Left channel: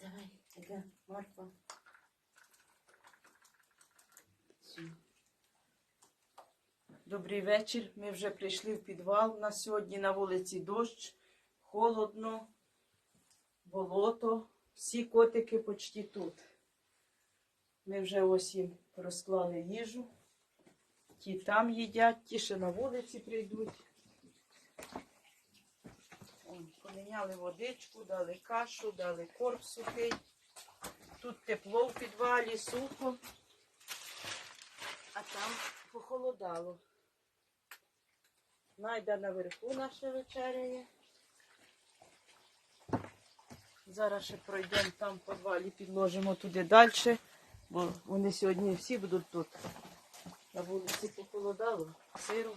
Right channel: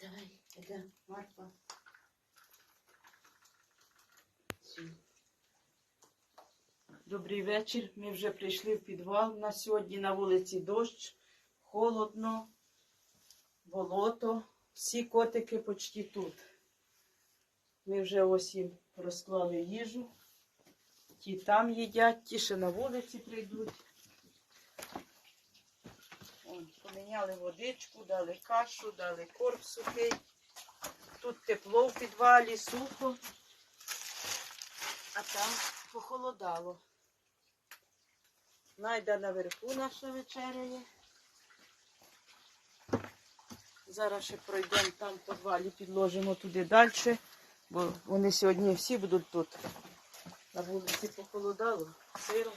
Давай, іде, Марфа. Добрий вечір. Ми вже прийшли в підвал. На сьогодні на вулиці дощ, холодно, болото. Всі котики почти тут. Ми вже ось їм розклали їжу. Ті там їдять, ті ще на вулиці прийдуть. Вон, Поміняли водичку, дали кашу, дали корм сухий. Тут тепло в підвалі, сухо, а там похолодало. Найда наверху наша вечеряє. Зараз ще пройдемо там в підвалі, підложимо туди далі, бо вони сьогодні всі будуть тут. На вулиці похолодало, сиро.